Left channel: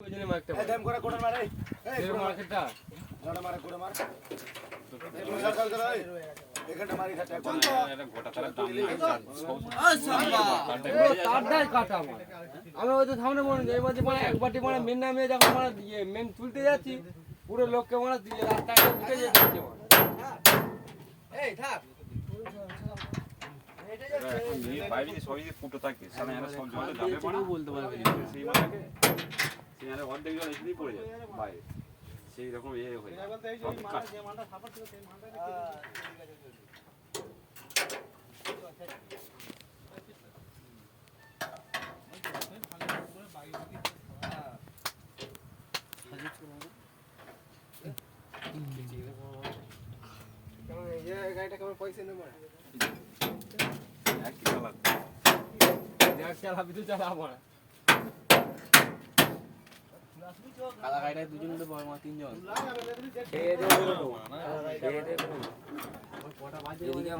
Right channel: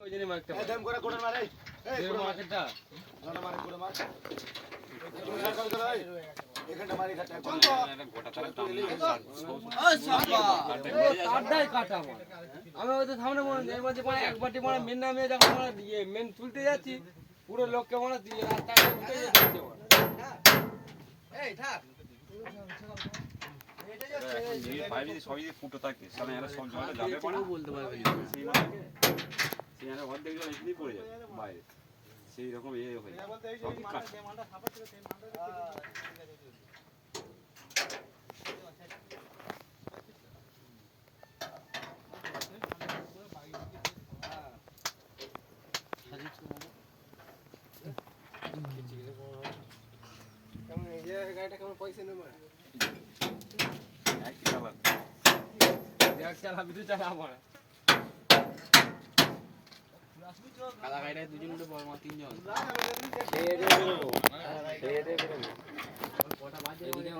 দাম করে কোড়া মারে এই কোড়া মারটা জড়া মারে কোড়া মার তুমি সরকার করে এখানটা মারি খাটা কোন তো এটা গোটা তারা তুলে ওই শালা ও তারটাই কাটা আমার আমি ওই তো সামনে মনে এই মাঝে মানে এক বাটি মানে মেন নামে যখন মানে ইয়ে মেন তুলতে যাচ্ছি পুরো লোককে মানে দিয়ে রাস্তায় উঠে যাচ্ছে এই থাক ये भाई सभी फुटो तक साला यार सब जगह जाबे पड़ा বলতে পারবে সেই মাকে সেই यार অর্ধেক জন এখানেই পড়ে যায় ভাই সেই রকম এ হয়ে বলতে এই যে মালটা সাপোর্ট ছিল সেই মালটা ঠিক আছে ये गाइड का पैसे नहीं मारा चला भी तो चला बोला काला गाइड দুজন মিলে বড় মা তিনজন দে দে